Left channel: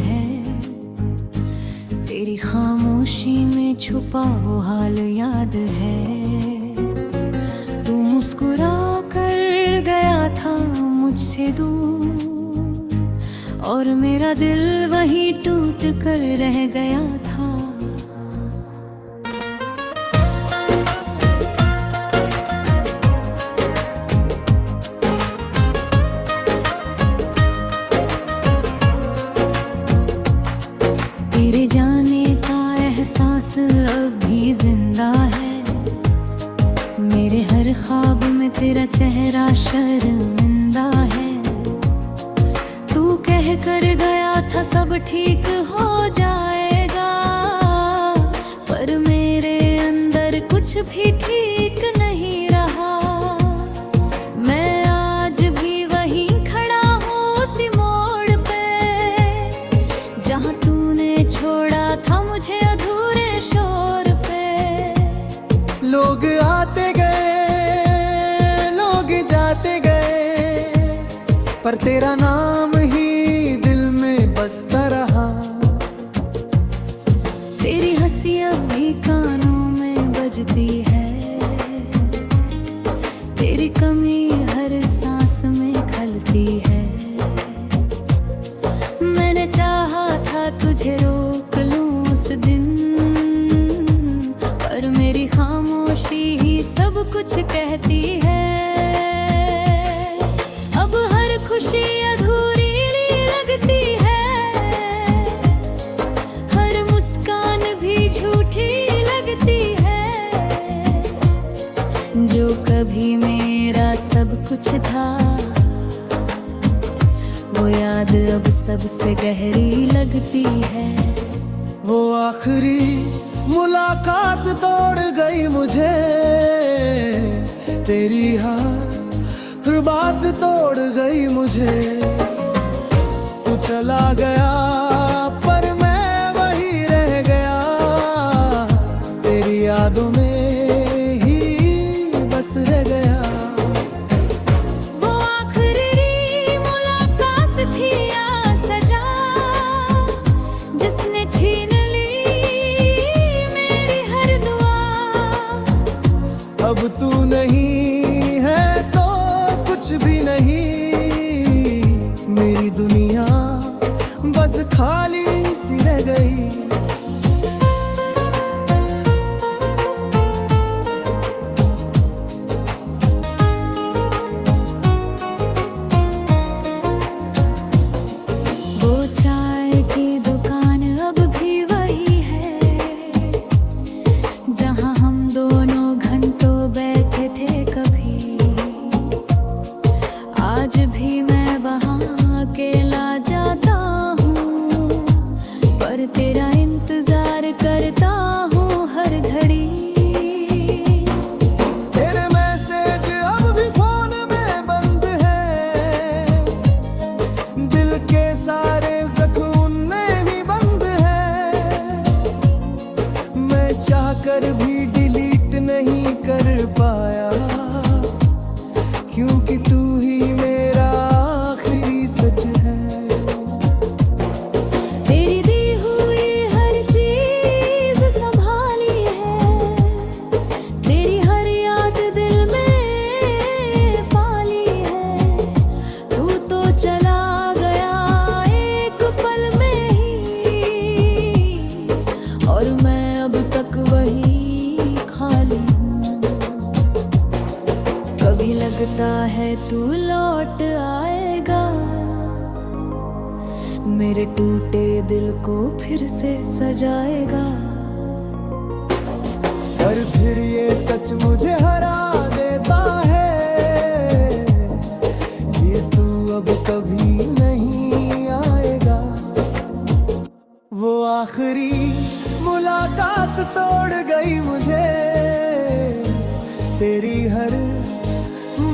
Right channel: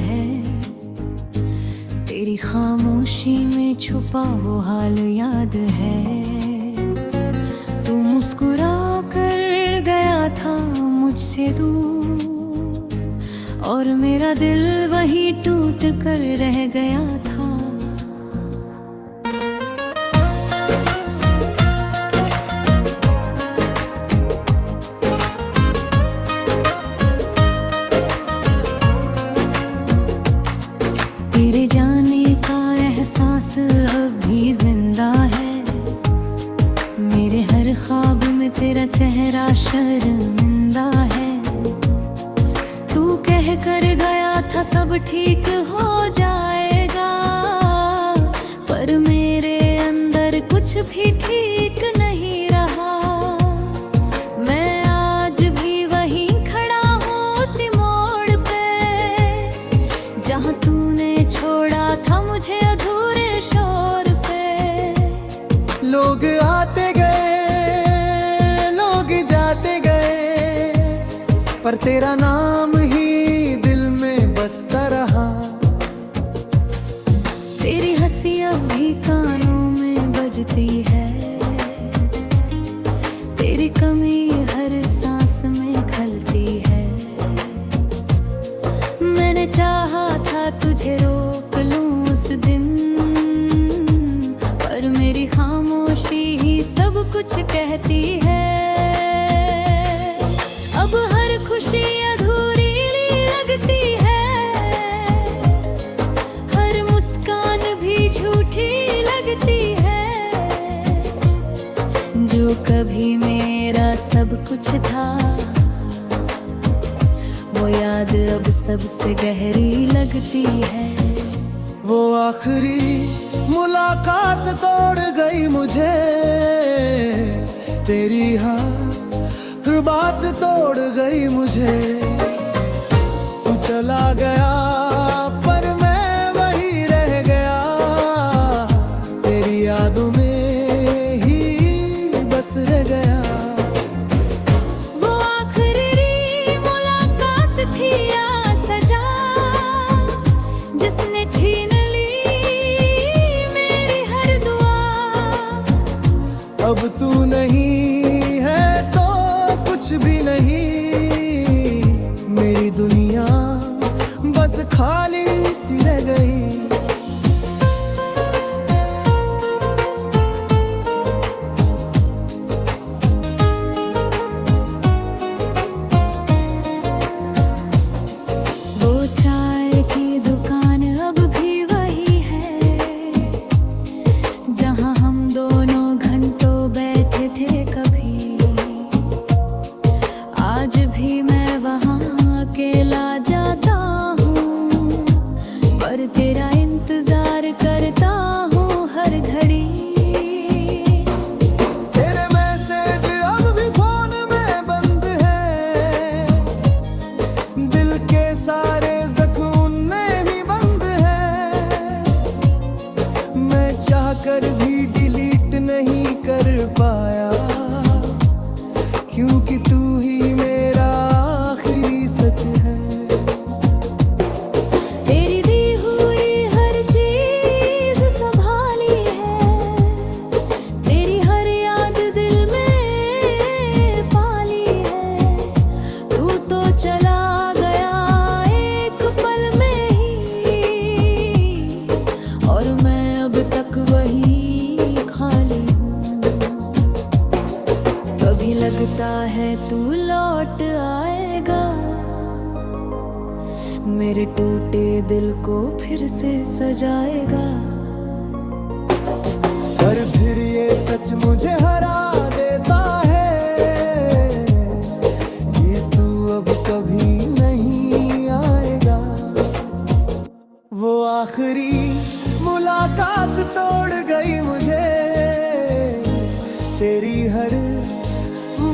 है, तेरी खामोशी में छुपा वो हाल याद है। तू मुस्कुरा कर गया था मुझसे दूर, और मेरा दिल वहीं टूट कर रह गया था। तेरे जाने का एहसास अब भी जिंदा है, मेरे हर ख्वाब में तेरा चेहरा शर्मिंदा है। तू कह कर गया था सब ठीक हो जाएगा, पर मेरे अंदर कुछ भी ठीक नहीं रहा। मैं आज भी वहीं खड़ा हूँ उसी मोड़ पे, जहाँ तूने छोड़ा था मुझे अधूरे शोर पे। लोग आते गए, लोग जाते गए, पर तेरा नाम ही दिल में बसता रहा। तेरी हंसी अब भी कानों में बजती है, तेरी कमी हर सांस में खलती है। मैंने चाहा था तुझे रोक लूं उस दिन, पर मेरी खामोशी ही सब कुछ कहती है। अब हर खुशी अधूरी लगती है, हर मुस्कान भी झूठी लगती है। जो कभी मेरा सब कुछ था, वो याद अब सबसे गहरी लगती है। वो आखिरी मुलाकात तोड़ गई मुझे, तेरी हर बात तोड़ गई मुझे। तू चला गया पर मैं वही रह गया, तेरी यादों में ही बस रह गया। जिसने छीन ली मेरी हर दुआ, अब तू नहीं है तो कुछ भी नहीं, मेरी दुनिया बस खाली सी रह गई। वो चाय की दुकान अब भी वही है, जहाँ हम दोनों घंटों बैठे थे कभी। आज भी मैं वहाँ अकेला जाता हूँ, पर तेरा इंतजार करता हूँ हर घड़ी। तेरे मैसेज अब भी फोन में बंद है, दिल के सारे ज़ख्म में भी बंद है। मैं चाहकर भी डिलीट नहीं कर पाया, क्योंकि तू ही मेरा आखिरी सच है। तेरी दी हुई हर चीज संभाली है, तेरी हर याद दिल में पाली है। तू तो चला गया एक पल में ही, और मैं अब तक वही खाली हूँ। कभी लगता है तू लौट आएगा, मेरे टूटे दिल को फिर से सजाएगा। पर फिर ये सच मुझे हरा देता है कि तू अब कभी नहीं आएगा। वो आखिरी मुलाकात तोड़ गई मुझे, तेरी हर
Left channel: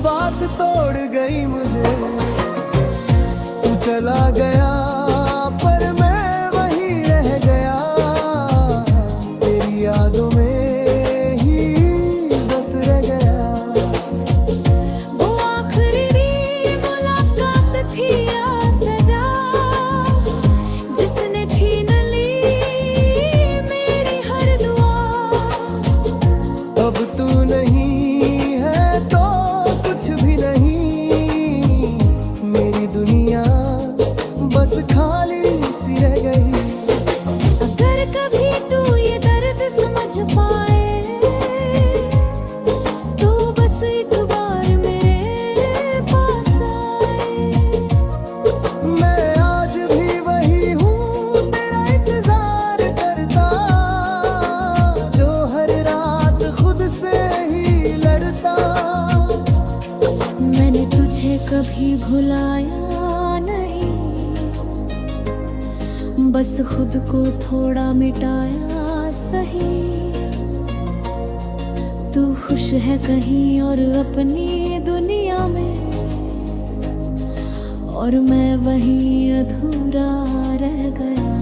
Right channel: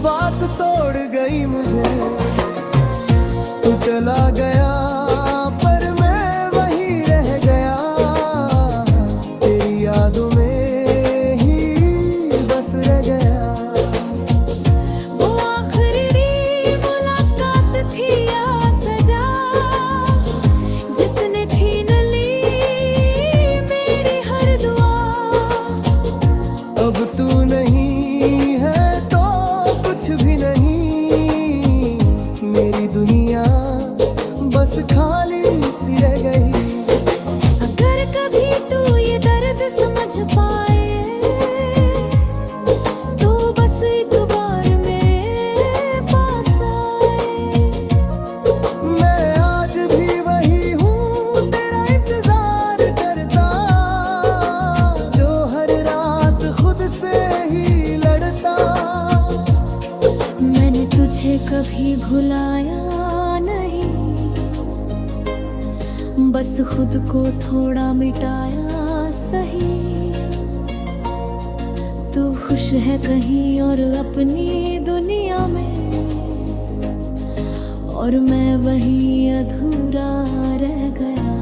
बात तोड़ गई मुझे। तू चला गया पर मैं वही रह गया, तेरी यादों में ही बस रह गया। वो आखिरी मुलाकात थी या सजा, जिस अब तू नहीं है तो कुछ भी नहीं, मेरी दुनिया बस खाली सी रह गई। अगर कभी तू ये दर्द समझ पाए तो बस एक बार मेरे पास आए। मैं आज भी वही हूँ तेरा इंतजार करता, जो हर रात खुद से ही लड़ता। मैंने तुझे कभी भुलाया नहीं, बस खुद को थोड़ा मिटाया सही। तू खुश है कहीं और अपनी दुनिया में, और मैं वहीं अधूरा रह गया।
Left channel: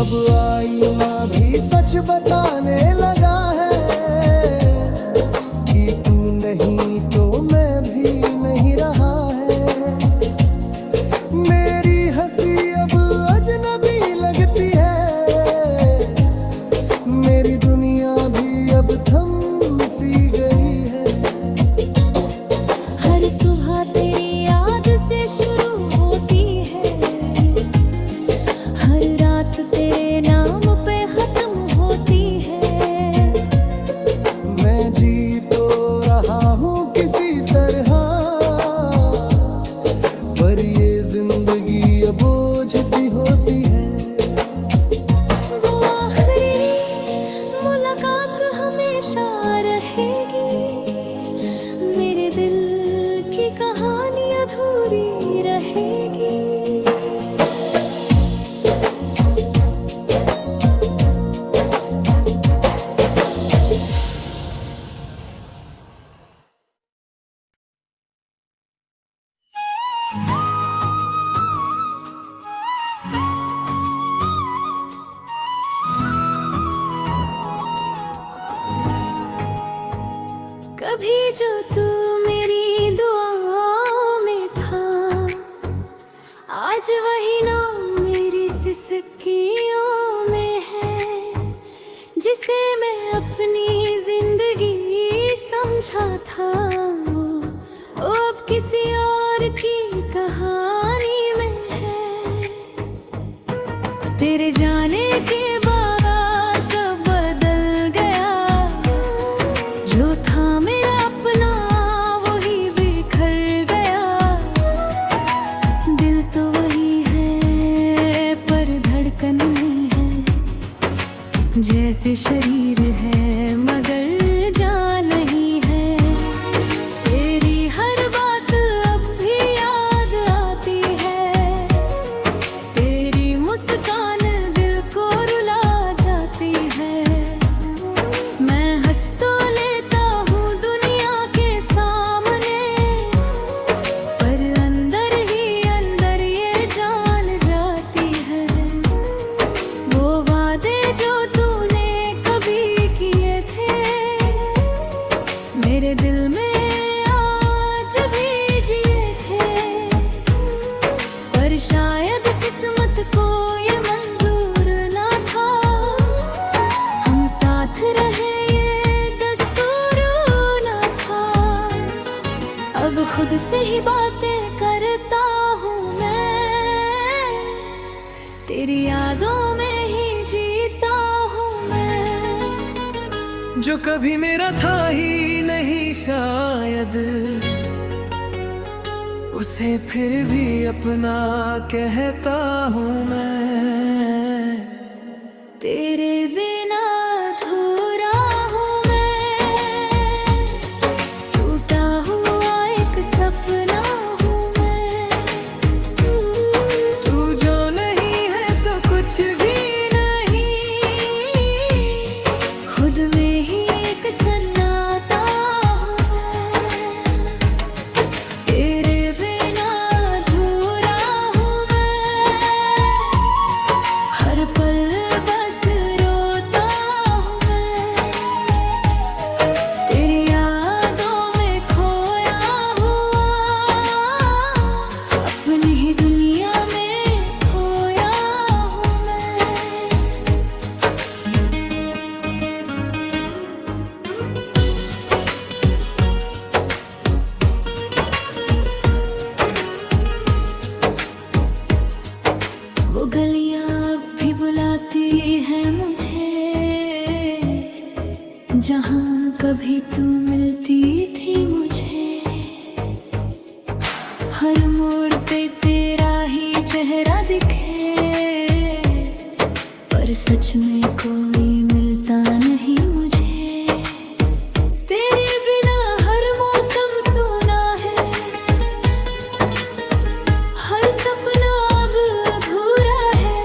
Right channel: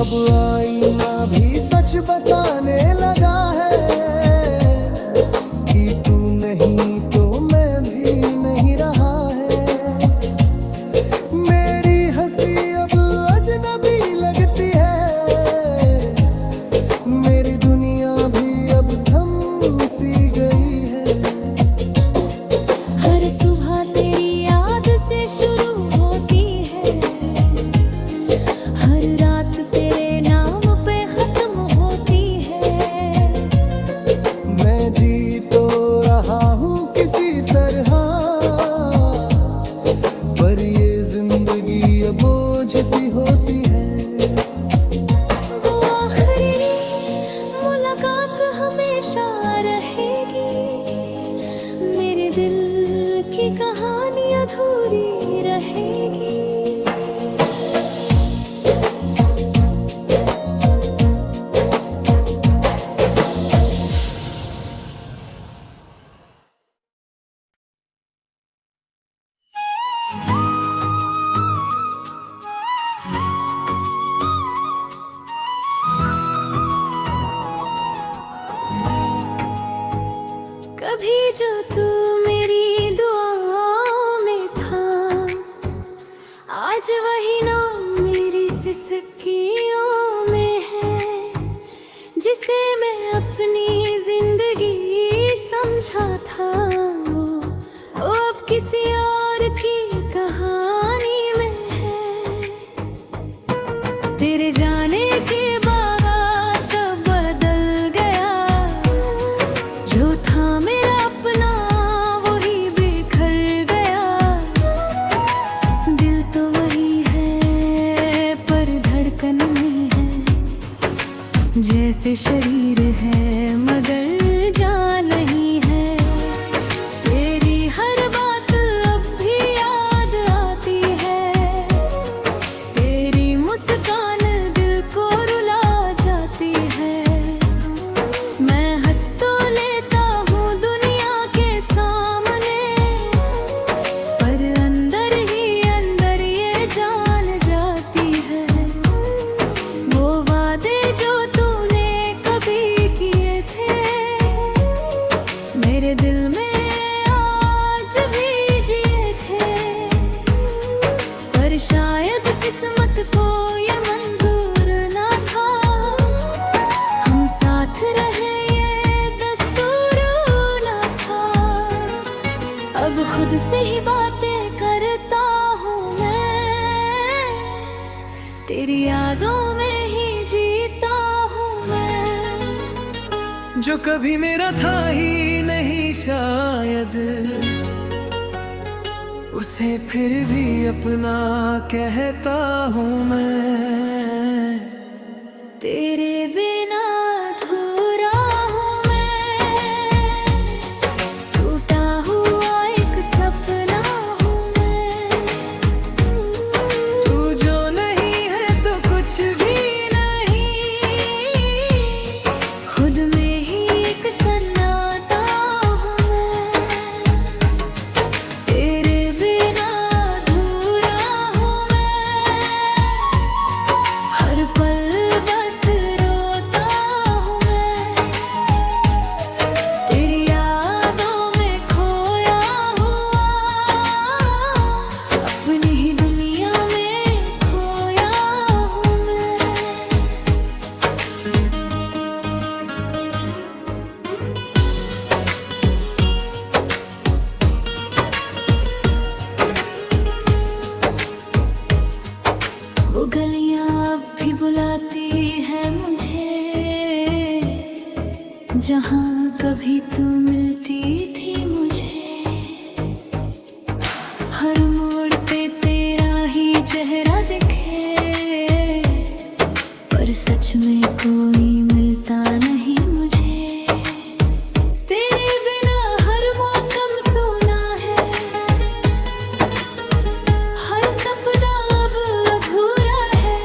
अब आईना भी सच बताने लगा है कि तू नहीं तो मैं भी नहीं रहा है। मेरी हंसी अब अजनबी लगती है, मेरी दुनिया भी अब थम सी गई है। हर सुबह तेरी याद से शुरू होती है, हर रात तेरे नाम पे खत्म होती है। मैं जी तो रहा हूँ किसी तरह, पर ये जिंदगी अब बोझ सी होती है। वो आखिरी मुलाकात हमेशा रहेगी, मेरे दिल की कहानी अधूरी रहेगी। कभी जो तू मेरी दुआओं में था, आज वही नाम मेरी सिसकियों में है। जिसे मैं अपनी जिंदगी समझा था, वो अब किसी और की कहानी में है। तेरे जाने के बाद सब बदल गया, जो था मेरा अपना वही बिखर गया। दिल तो वही है पर धड़कन नहीं है, जैसे शरीर है मगर जान नहीं है। तेरी हर बात अब भी याद आती है, तेरी मुस्कान दिल को रुला जाती है। मैं हंस तो लेता हूँ दुनिया के सामने, पर अंदर ही अंदर ये जान जाती है। वो वादे जो तूने कभी किए थे, मेरे दिल में आज भी जिए थे। पर शायद किस्मत को ये मंजूर ना था, हम साथ रहे ये दस्तूर ना था। अब खुद से ही बातें करता हूँ मैं, तेरी यादों में ही जीता हूँ मैं। जो कभी मेरा था ही नहीं शायद, उसे फिर भी अपना कहता हूँ मैं। तेरे बिना अधूरा हूँ मैं, टूटा हुआ एक सपना हूँ मैं। तू जो नहीं है तो कुछ भी नहीं, खुद में ही एक सन्नाटा हूँ मैं। तेरे बिना अधूरा हूँ मैं, हर पल बस रोता वो गलियां अब भी बुलाती है मुझे, जहां कभी तू मिलती थी मुझे। हर मोड़ पे तेरा ही चेहरा दिखे, पर सच में कोई मिलता नहीं मुझे। तेरे बिना हर मौसम सूना है, हर सपना अब अधूरा है।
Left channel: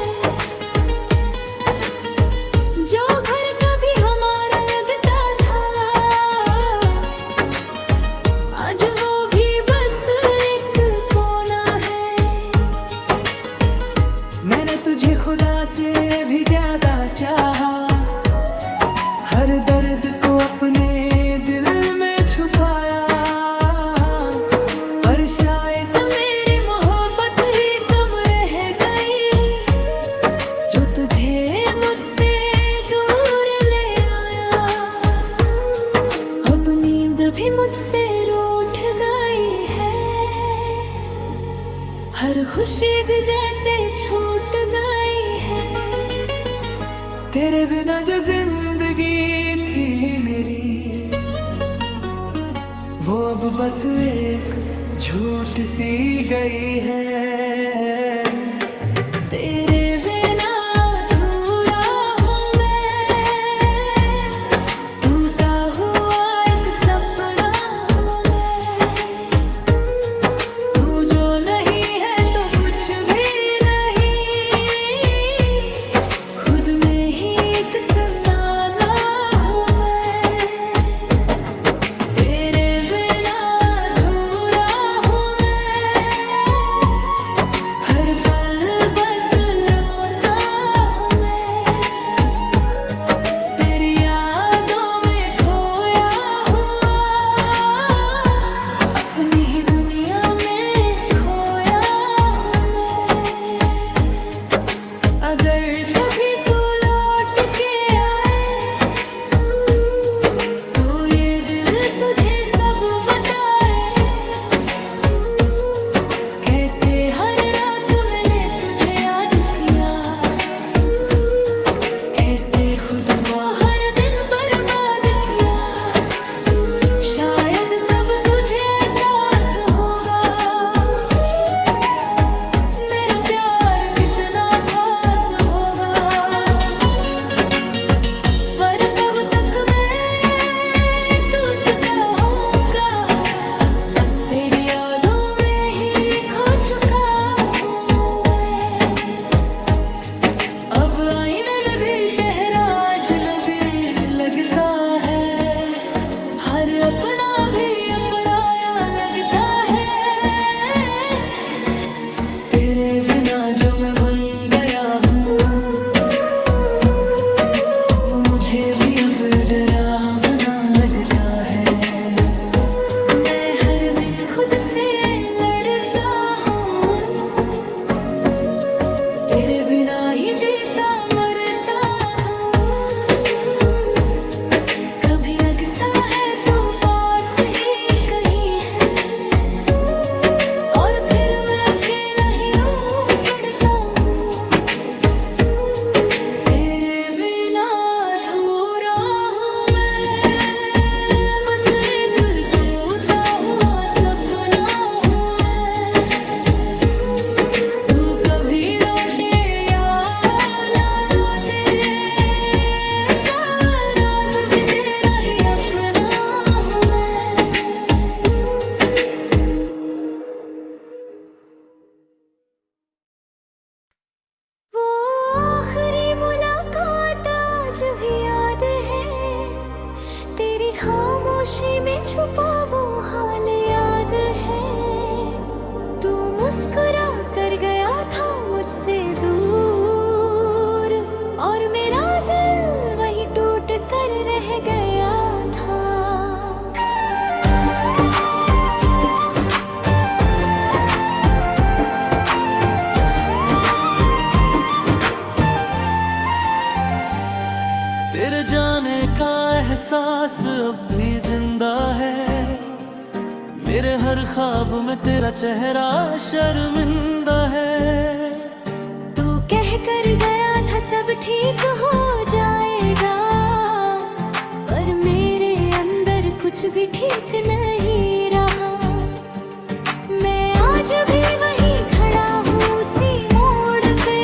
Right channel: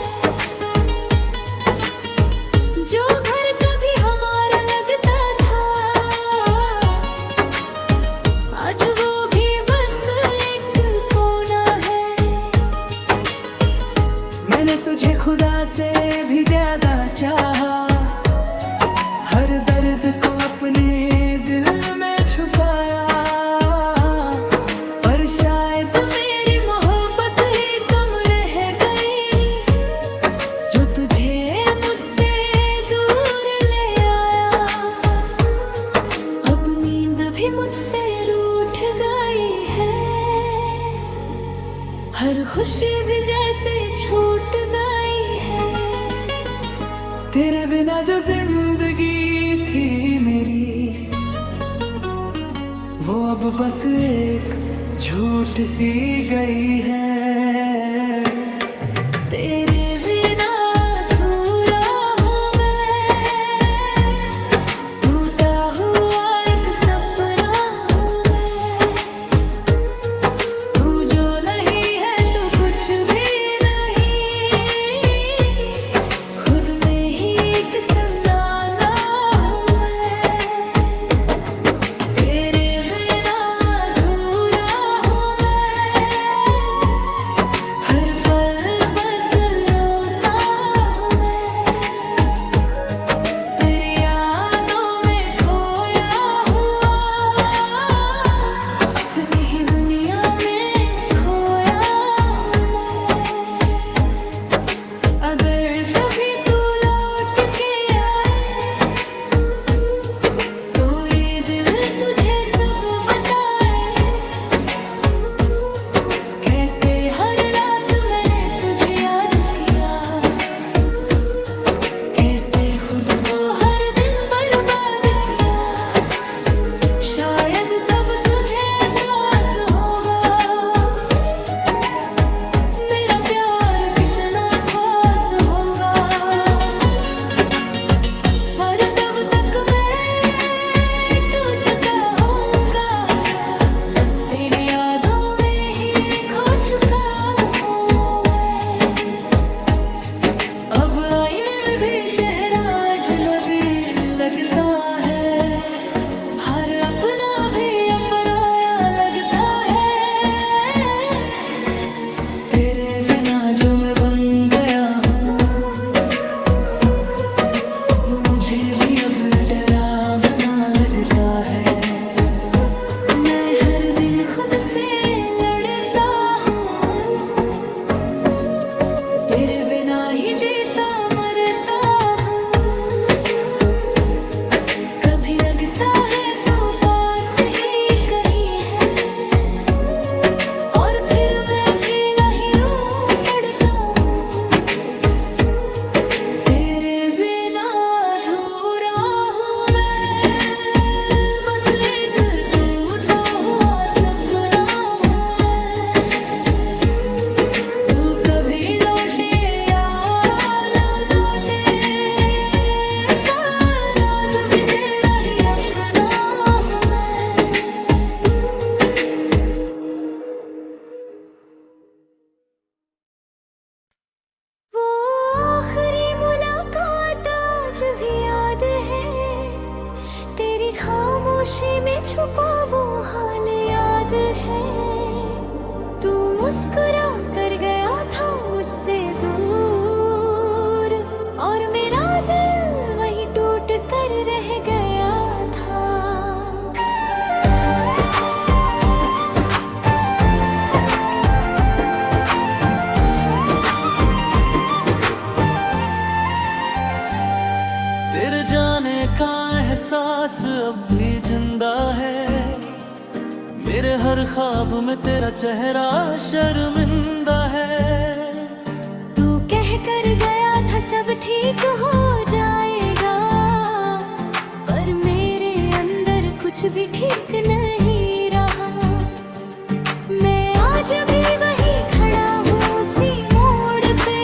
जो घर कभी हमारा लगता था, आज वो भी बस एक कोना है। मैंने तुझे खुदा से भी ज्यादा चाहा, हर दर्द को अपने दिल में छुपाया। पर शायद मेरी मोहब्बत ही कम रह गई, जो तुझे मुझसे दूर ले आया। अब नींद भी मुझसे रूठ गई है, हर खुशी भी जैसे छूट गई है। तेरे बिना जो जिंदगी थी मेरी, वो अब बस एक झूठ सी गई है। तेरे बिना अधूरा हूँ मैं, टूटा हुआ एक सपना हूँ मैं। तू जो नहीं है तो कुछ भी नहीं, खुद में ही एक सन्नाटा हूँ मैं। तेरे बिना अधूरा हूँ मैं, हर पल बस रोता हूँ मैं। तेरी यादों में खोया हुआ, अपनी ही दुनिया में खोया हूँ मैं। अगर कभी तू लौट के आए, तो ये दिल तुझे सब बताए। कैसे हर रात मैंने तुझे याद किया, कैसे खुद को हर दिन बर्बाद किया। शायद तब तुझे एहसास होगा, मेरा प्यार कितना खास होगा। पर तब तक मैं टूट चुका होऊंगा, अब तेरी यादों में ही खो चुका हूँ मैं। अब आईने में भी चेहरा अजनबी लगता है, हर अपना भी अपराया लगता है। तेरे बिना जो मैं बन गया हूँ, वो मुझे भी अब डरावना लगता है। मैं हर दिन खुद से लड़ता हूँ, तेरे बिना ही जीता मरता हूँ। कभी लगता है तू पास ही कहीं है, और फिर मैं अकेला ही रो पड़ता हूँ। तेरे बिना अधूरा हूँ मैं, बस एक टूटा हुआ सपना हूँ मैं। तू कभी लौटे या ना लौटे, पर आज भी तेरा ही अपना हूँ मैं। वो आखिरी मुलाकात आज भी याद है, तेरी खामोशी में छुपा वो हाल याद है। तू मुस्कुरा कर गया था मुझसे दूर, और मेरा दिल वहीं टूट कर रह गया था। तेरे जाने का एहसास अब भी जिंदा है, मेरे हर ख्वाब में तेरा चेहरा शर्मिंदा है। तू सब ठीक हो जाएगा, पर मेरे अंदर कुछ भी ठीक नहीं रहा। मैं आज भी वहीं खड़ा हूँ उसी मोड़ पे,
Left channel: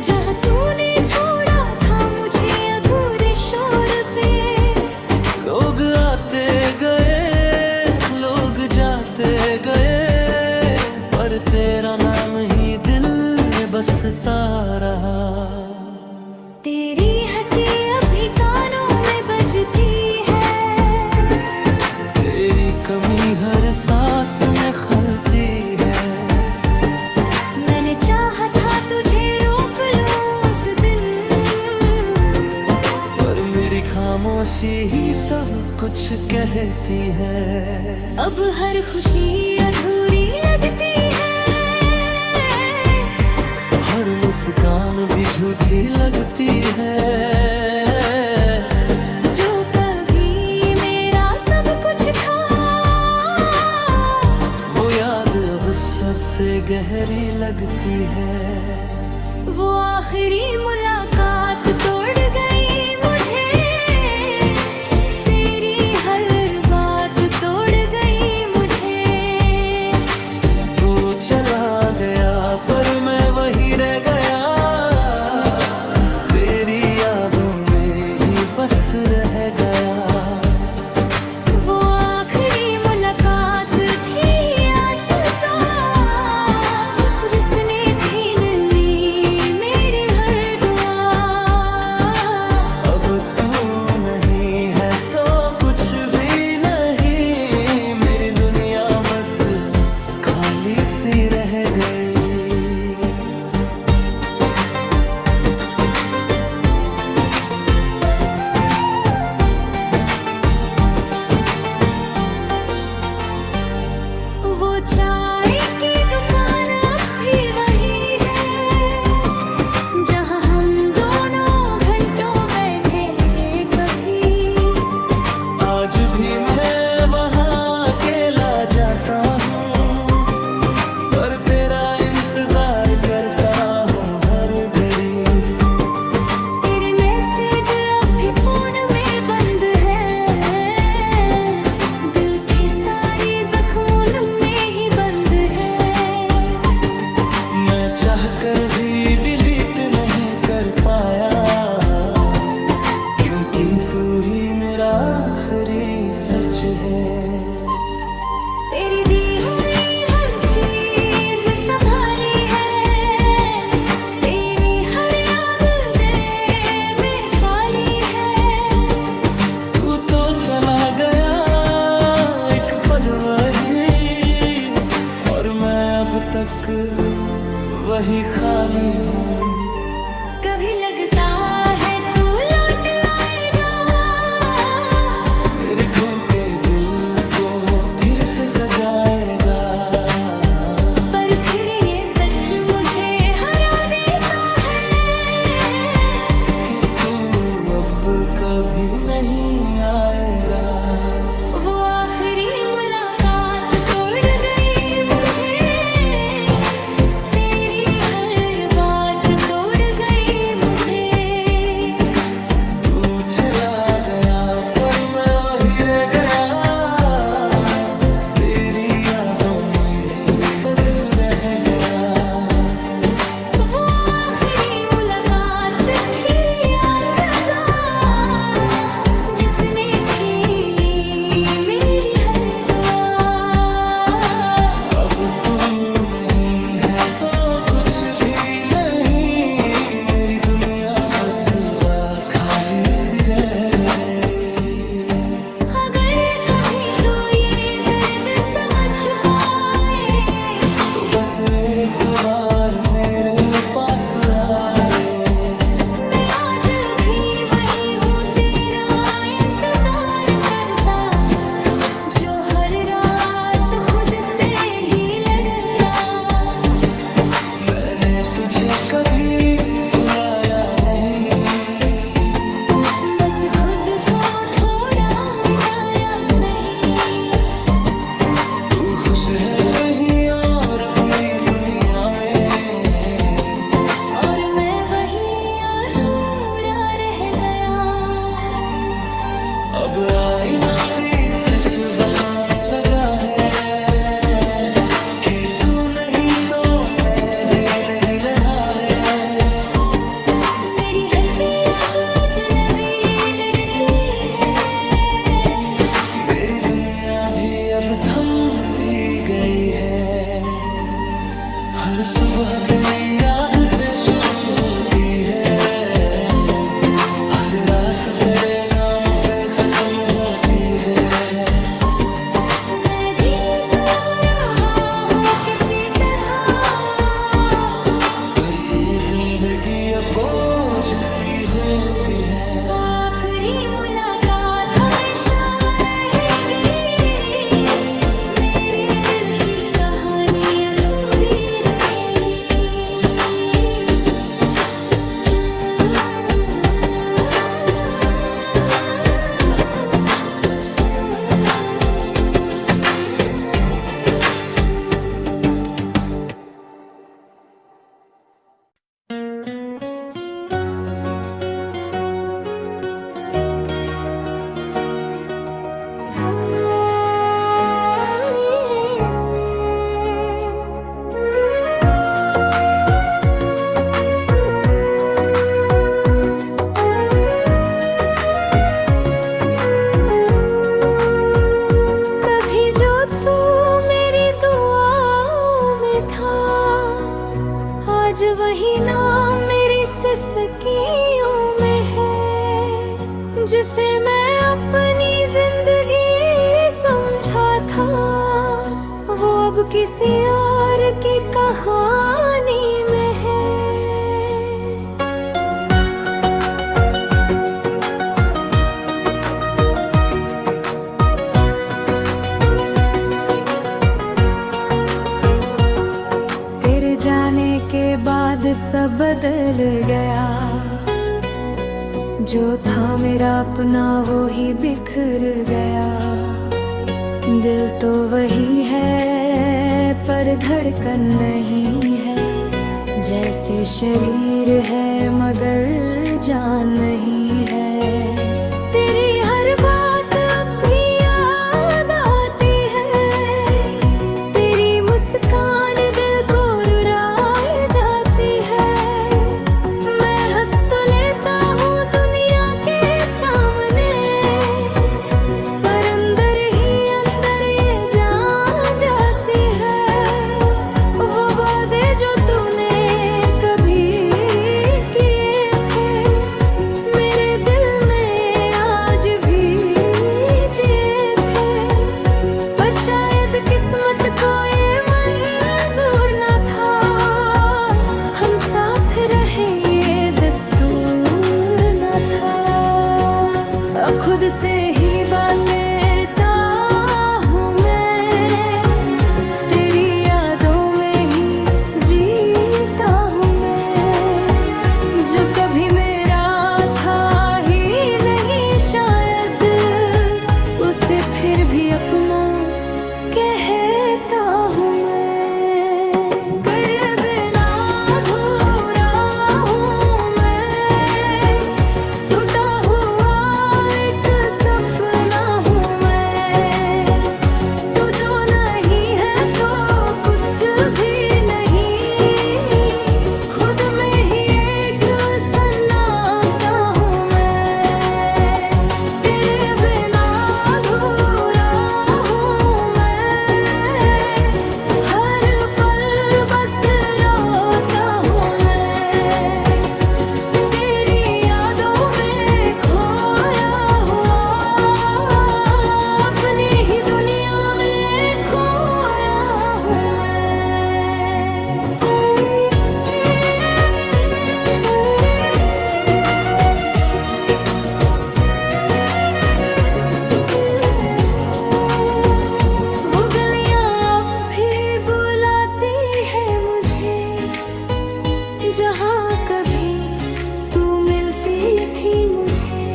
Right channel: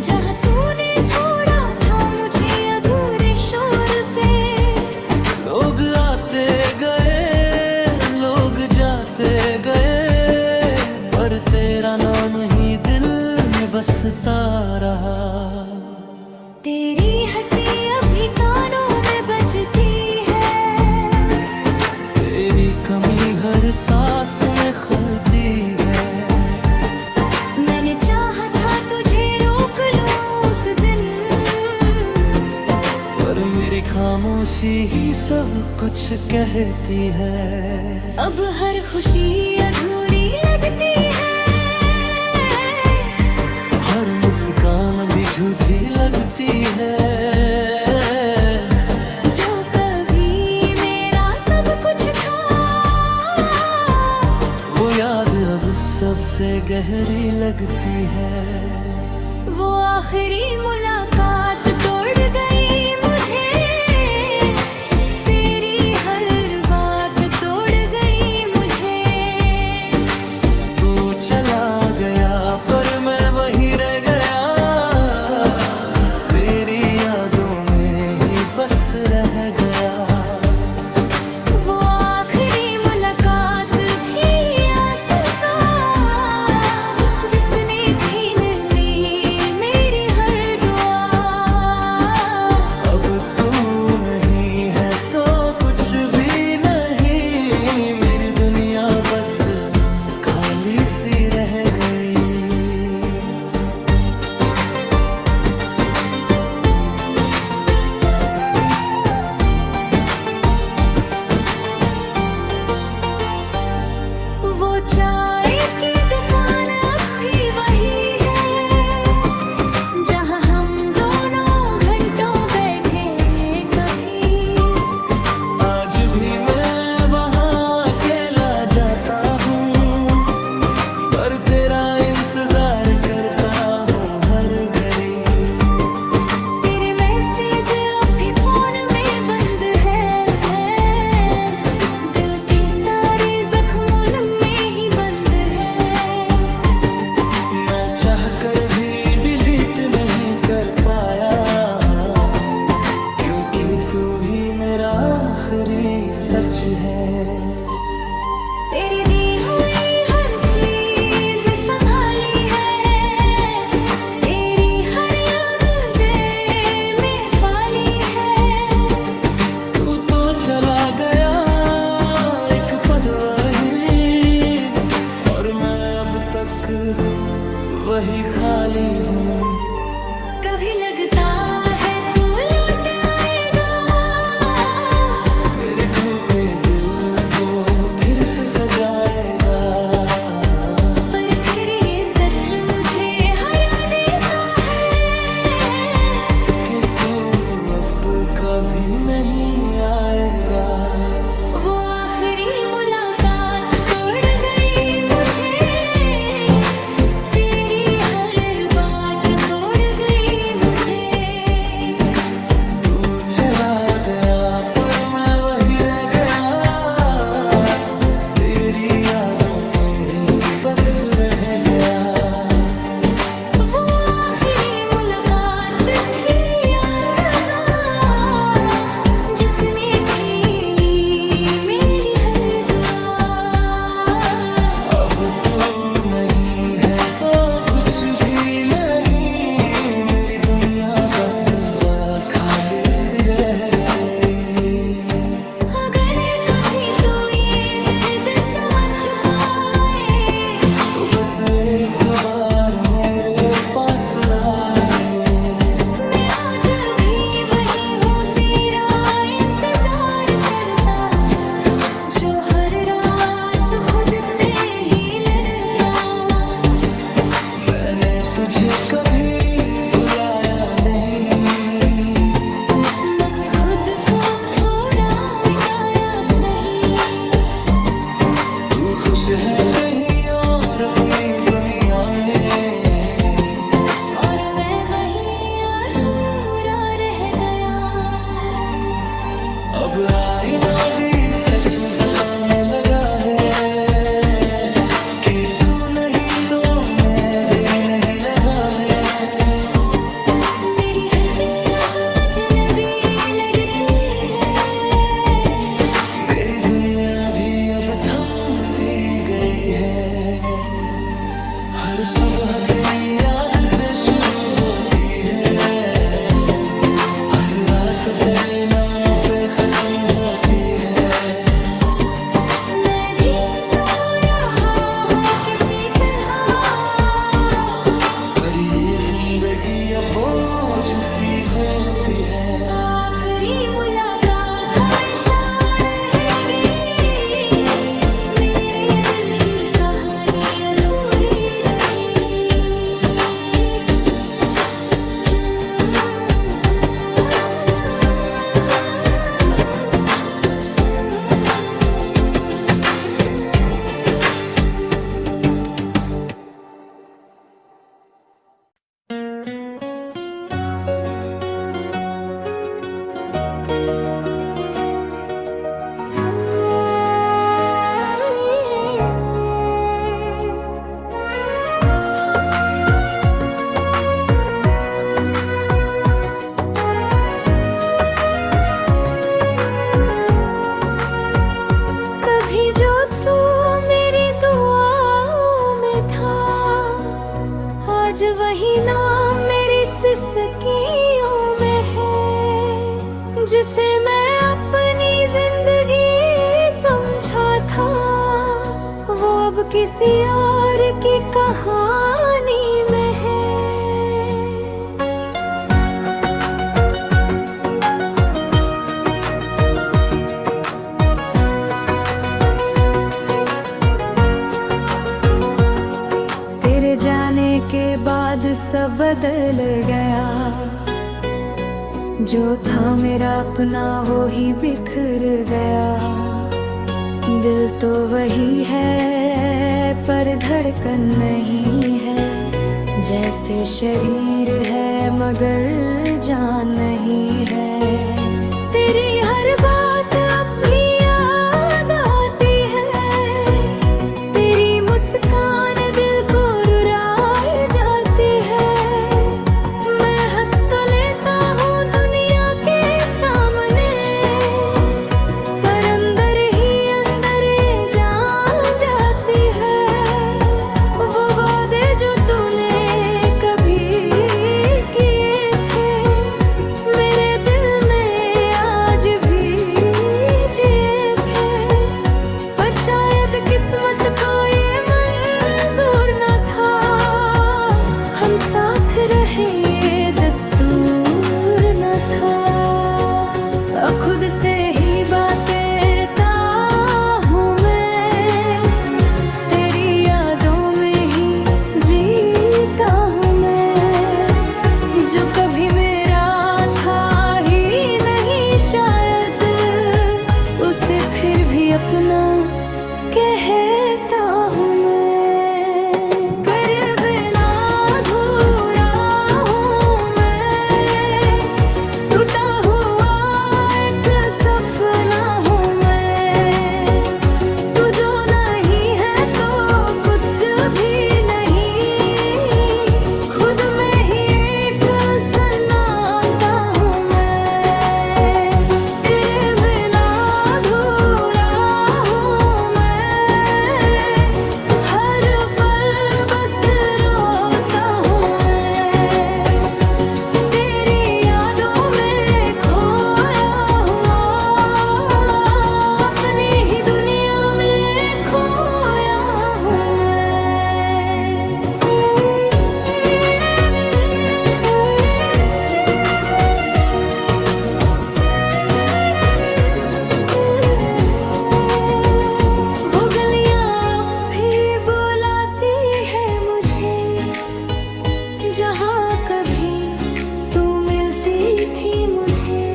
जहाँ तूने छोड़ा था मुझे अधूरे शोर पे। लोग आते गए, लोग जाते गए, पर तेरा नाम ही दिल में बसता रहा। तेरी हंसी अभी कानों में बजती है, तेरी कमी हर सांस में खलती है। मैंने चाहा था तुझे रोक लूं उस दिन, पर मेरी खामोशी ही सब कुछ कहती है। अब हर खुशी अधूरी लगती है, हर मुस्कान भी झूठी लगती है। जो कभी मेरा सब कुछ था, वो याद अब सबसे गहरी लगती है। वो आखिरी मुलाकात तोड़ गई मुझे, तेरी हर बात तोड़ गई मुझे। तू चला गया पर मैं वहीं रह गया, तेरी यादों में ही बस रह गया। वो आखिरी मुलाकात थी या सजा, जिसने छीन ली मेरी हर दुआ। अब तू नहीं है तो कुछ भी नहीं, मेरी दुनिया बस खाली सी रह गई। वो चाय की दुकान अब भी वही है, जहाँ हम दोनों घंटों बैठे कभी। आज भी मैं वहाँ अकेला जाता हूँ, पर तेरा इंतजार करता हूँ हर घड़ी। तेरे मैसेज अब भी फोन में बंद है, दिल के सारे जख्मों में ही बंद है। मैं चाह कर भी डिलीट नहीं कर पाया, क्योंकि तू ही मेरा आखिरी सच है। तेरी दी हुई हर चीज संभाली है, तेरी हर याद दिल में पाली है। तू तो चला गया एक पद वही, और मैं अब तक वही खाली हूँ। कभी लगता है तू लौट आएगा, मेरे टूटे दिल को फिर से सजाएगा। पर फिर ये सच मुझे हरा देता है, कि तू अब कभी नहीं आएगा। वो आखिरी मुलाकात तोड़ गई मुझे, तेरी हर बात तोड़ गई मुझे। तू चला गया पर मैं वही रह गया, तेरी यादों में ही बस रह गया। वो आखिरी मुलाकात थी या सजा, जिसने छीन ली मेरी हर दुआ। अब तू नहीं है तो कुछ भी नहीं, मेरी दुनिया बस खाली सी रह गई। अगर कभी तो ये दर्द समझ पाए, तो बस एक बार मेरे पास आए। मैं आज भी वही हूँ तेरा इंतजार करता, जो हर रात खुद से ही लड़ता। मैंने तुझे कभी भुलाया नहीं, बस खुद को थोड़ा मिटाया सही। तू खुश है कहीं और अपनी दुनिया में, और मैं वही अब आईना भी सच बताने लगा है कि तू नहीं तो मैं भी नहीं रहा है। मेरी हंसी अब अजनबी लगती है, मेरी दुनिया भी अब थम सी गई है। हर सुबह तेरी याद से शुरू होती है, हर रात तेरे नाम पे खत्म होती है। मैं जी तो रहा हूँ किसी तरह, पर ये जिंदगी अब बोझ सी होती है। आखिरी मुलाकात हमेशा रहेगी, मेरे दिल की कहानी अधूरी रहेगी। कभी जो तू मेरी दुआओं में था, आज वही नाम मेरी सिसकियों में है। जिसे मैं अपनी जिंदगी समझा था, वो अब किसी और की कहानी में है। तेरे जाने के बाद सब बदल गया, जो था मेरा अपना वो ही बिखर गया। दिल तो वही है पर धड़कन नहीं है, जैसे शरीर है मगर जान नहीं है। तेरी हर बात अब भी याद आती है, तेरी मुस्कान दिल को रुलाए जाती है। मैं हंस तो लेता हूँ दुनिया के सामने, पर अंदर ही अंदर ये जान जाती है। वो वादे जो तूने कभी किए थे, मेरे दिल में आज भी जिए थे। पर शायद किस्मत को ये मंजूर न था, हम साथ रहे ये दस्तूर न था। अब खुद से ही बातें करता हूँ मैं, तेरी यादों में ही जीता हूँ मैं। जो कभी मेरा था ही नहीं शायद, उसे फिर भी अपना कहता हूँ मैं। तेरे बिना अधूरा हूँ मैं, टूटा हुआ एक सपना हूँ मैं। तू जो नहीं है तो कुछ भी नहीं, खुद में ही एक सन्नाटा हूँ मैं। तेरे बिना अधूरा हूँ मैं, हर पल बस रोता हूँ मैं। तेरी यादों में खोया हुआ, अपनी ही दुनिया में खोया हूँ मैं। वो गलियां अब भी बुलाती है मुझे, जहाँ कभी तू मिलती थी मुझे।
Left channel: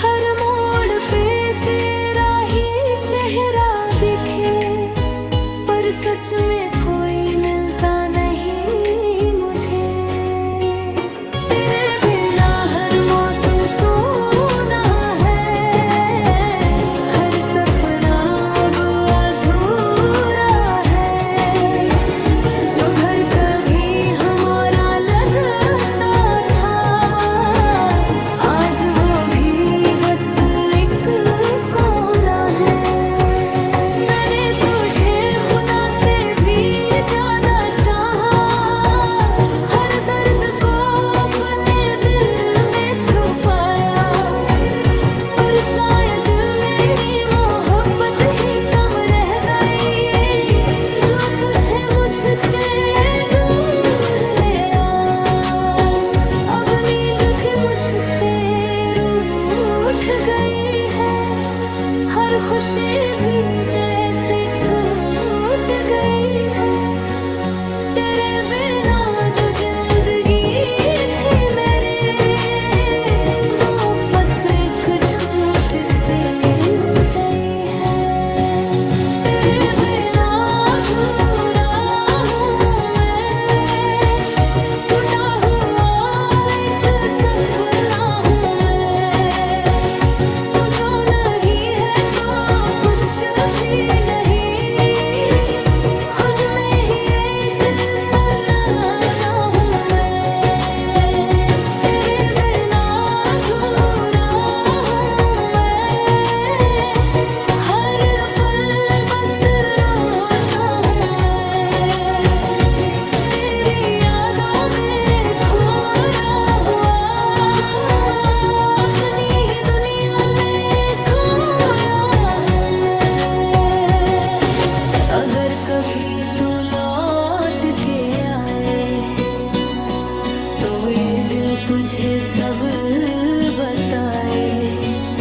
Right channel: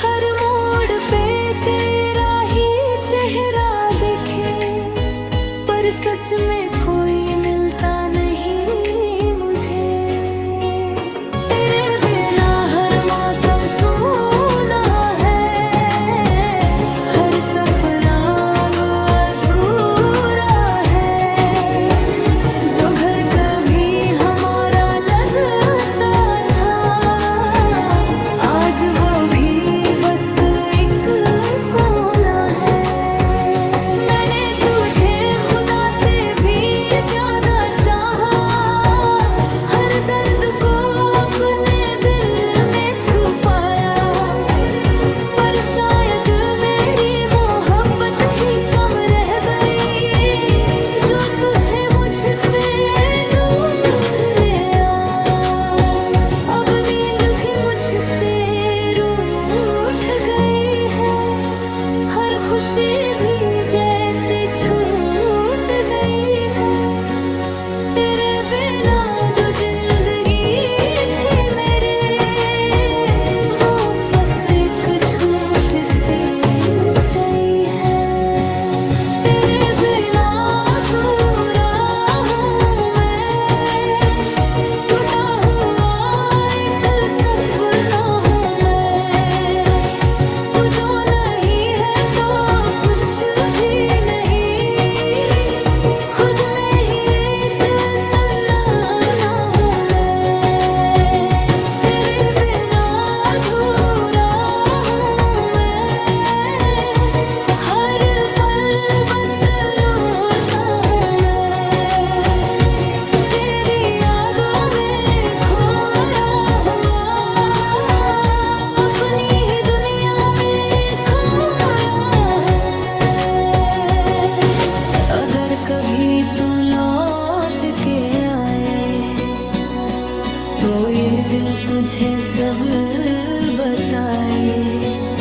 हर मोड़ पे तेरा ही चेहरा दिखे, पर सच में कोई मिलता नहीं मुझे। तेरे बिना हर मौसम सूना है, कभी तू लौट के आए तो ये दिल तुझे सब बताए।